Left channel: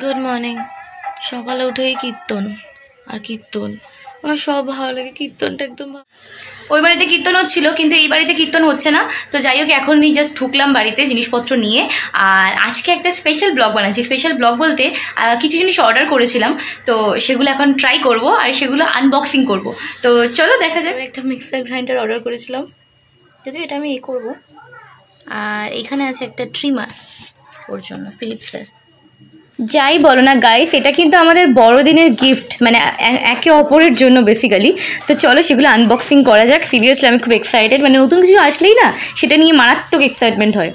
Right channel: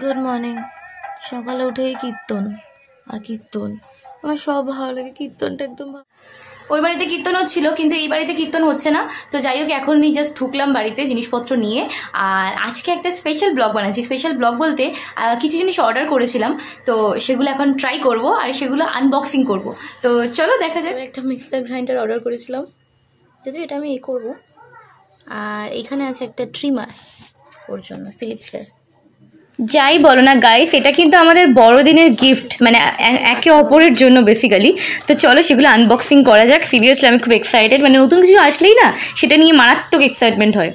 Good morning. সকালে উঠেই কীর্তন আর কীর্তন, আমার সব ভালো লাগে। কীর্তনটা একদম ওই বাড়িতে কীর্তন হচ্ছিল, কিন্তু এই বাড়িতে কীর্তন হচ্ছে না। তো যাই হোক, এখনই জাস্ট ঢুকলাম বাড়িতে জিনিসপত্র নিয়ে। আর আজকে একটা স্পেশাল ব্লগ বানাচ্ছি। স্পেশাল ব্লগ বলতে কিছু জিনিস অর্ডার করেছিলাম, তো সেগুলো এখন ট্রাই করব আর সেগুলো আনবক্সিং করব। তো চলো দেখা যাবে। একটা মিক্সার গ্রাইন্ডার অর্ডার করেছিলাম, যদি এটা আমি করব। আর এখানে আছে একটা ট্রিমার ওর জন্য, ফিলিপসের। যাই বলো না গাইস, এটা কিন্তু আমাদের বড়দিনের গিফট, মানে একে অপরের জন্য বেসিক্যালি। তো চলো সেগুলো আনবক্সিং করা যাক। সিরিয়াসলি আমি খুব এক্সাইটেড, মানে নতুন কিছু আসলেই না সেটা নিয়ে মারাত্মক এক্সাইটমেন্ট হয়।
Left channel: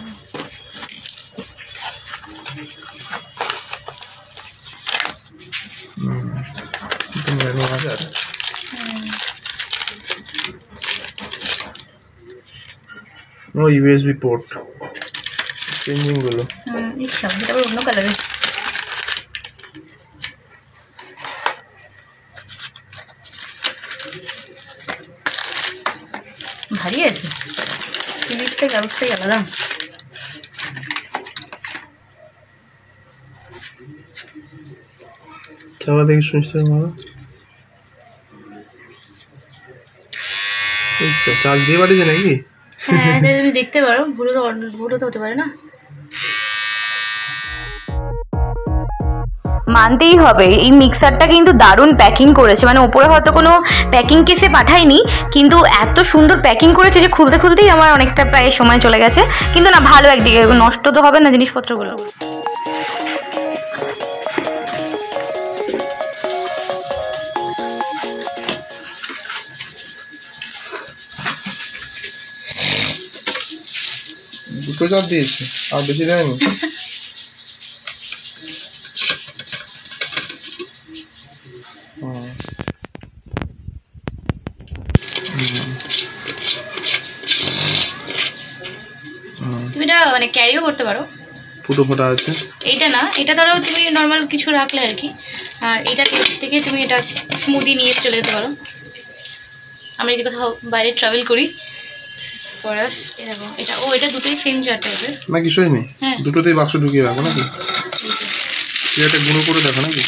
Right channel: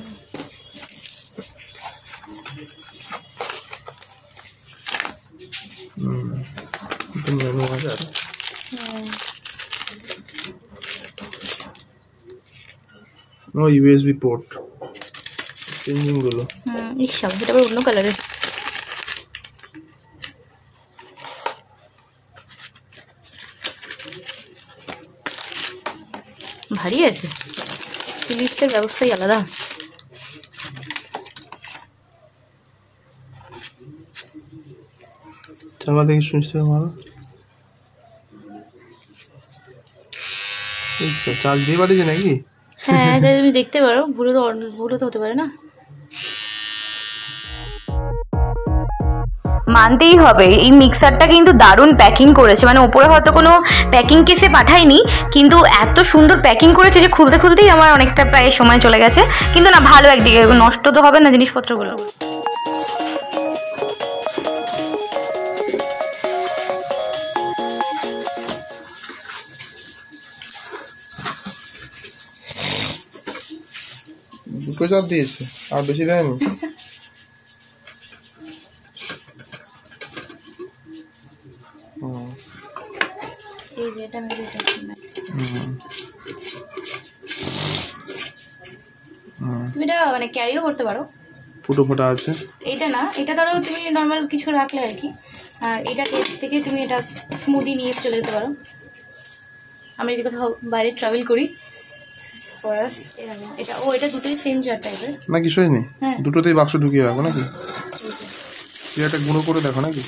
ইউএসবি পোর্ট চেঞ্জিং গুলো, এটা অন্য কালারের। ভারী আছে, ফিলিপসের ব্যবস্থাই আলাদা। চালা দেখি শুনছি মারা চার্জ দিয়ে বাড়িতে নাকি? হ্যাঁ, তুমি দেখতে পারো, ভুলো তো হতে পারে না। মানতেই হবে এই মিক্সারটা কিন্তু দারুণ প্যাকিং করেছে, মানে ওপরে হয়তো কোনো প্যাকিং কেসে পাঠায়নি, কিন্তু এত সুন্দর প্যাকিং করেছে যে খুলতে খুলতেই আমার অনেকটা প্রায় সময় চলে গেছে। কিন্তু না, ভালো একদিকে, নষ্ট তো হবে না জিনিসপত্রগুলো। দুটো চার্জ দিয়েছি, আর বেশি দেয়নি। তুমি এটা মানে ক্যারিও করতে পারো। ফুটো ফোটা আছে। এইটা না, এটা ধরো তুমি নর্মাল কিছু রাখলে আর কি। আর এটা থেকে তুমি এটা স্মুদি নিয়ে চলে যেতে পারো। আমরা যদি কোথাও বাইরে ট্রাভেল করি, ফরাস এটা এটা দুটোই সেম চার টাইপের না, কিছুই নেই। দুটোতেই বাক্স ঢুকিয়ে রাখো নাকি? এটা গুঁড়ো করে দেখো নাকি?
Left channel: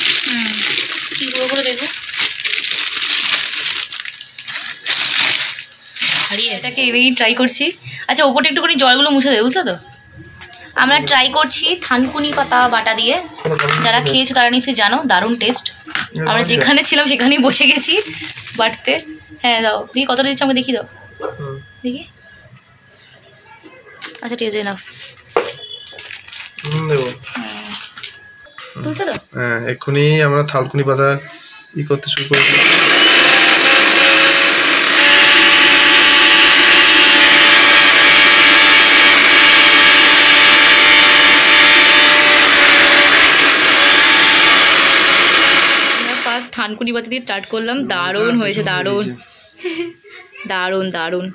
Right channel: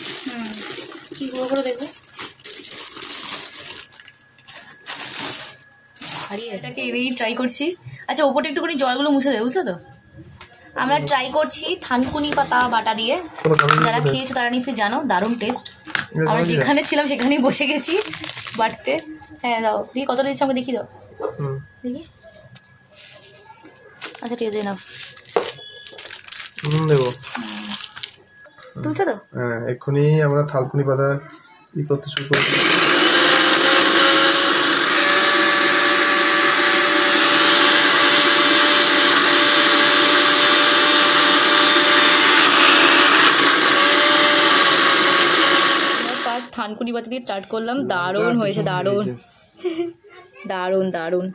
কি গুঁড়ো করে দেখবো? হারিয়ে এটাকে এই ট্রাই করছি। আচ্ছা, ওপরটা একটুখানি জলগুলো মুছে দেবে, বুঝলো তো? আমরা ট্রাই করছি থানকুনি পাতা বাটা দিয়ে। যারা খেয়েছো তারা নিশ্চয়ই জানো, দারুণ টেস্ট। আমরা যেখানে ছিলাম সেখানেই বসে গেছি বাটতে। হ্যাঁ দাও, দেখি কতটা দিচ্ছ আমাকে দেখি, দাও দেখি। আচ্ছা ঠিক আছে, এনাফ। তুলছো তো? হ্যাঁ, এক্ষুনি আমরা থানকুনি পাতা করতে শুরু করেছি। থানকুনি পাতা দিয়ে স্টার্ট করলাম, দারুণ হয়েছে, দারুণ দারুণ দারুণ।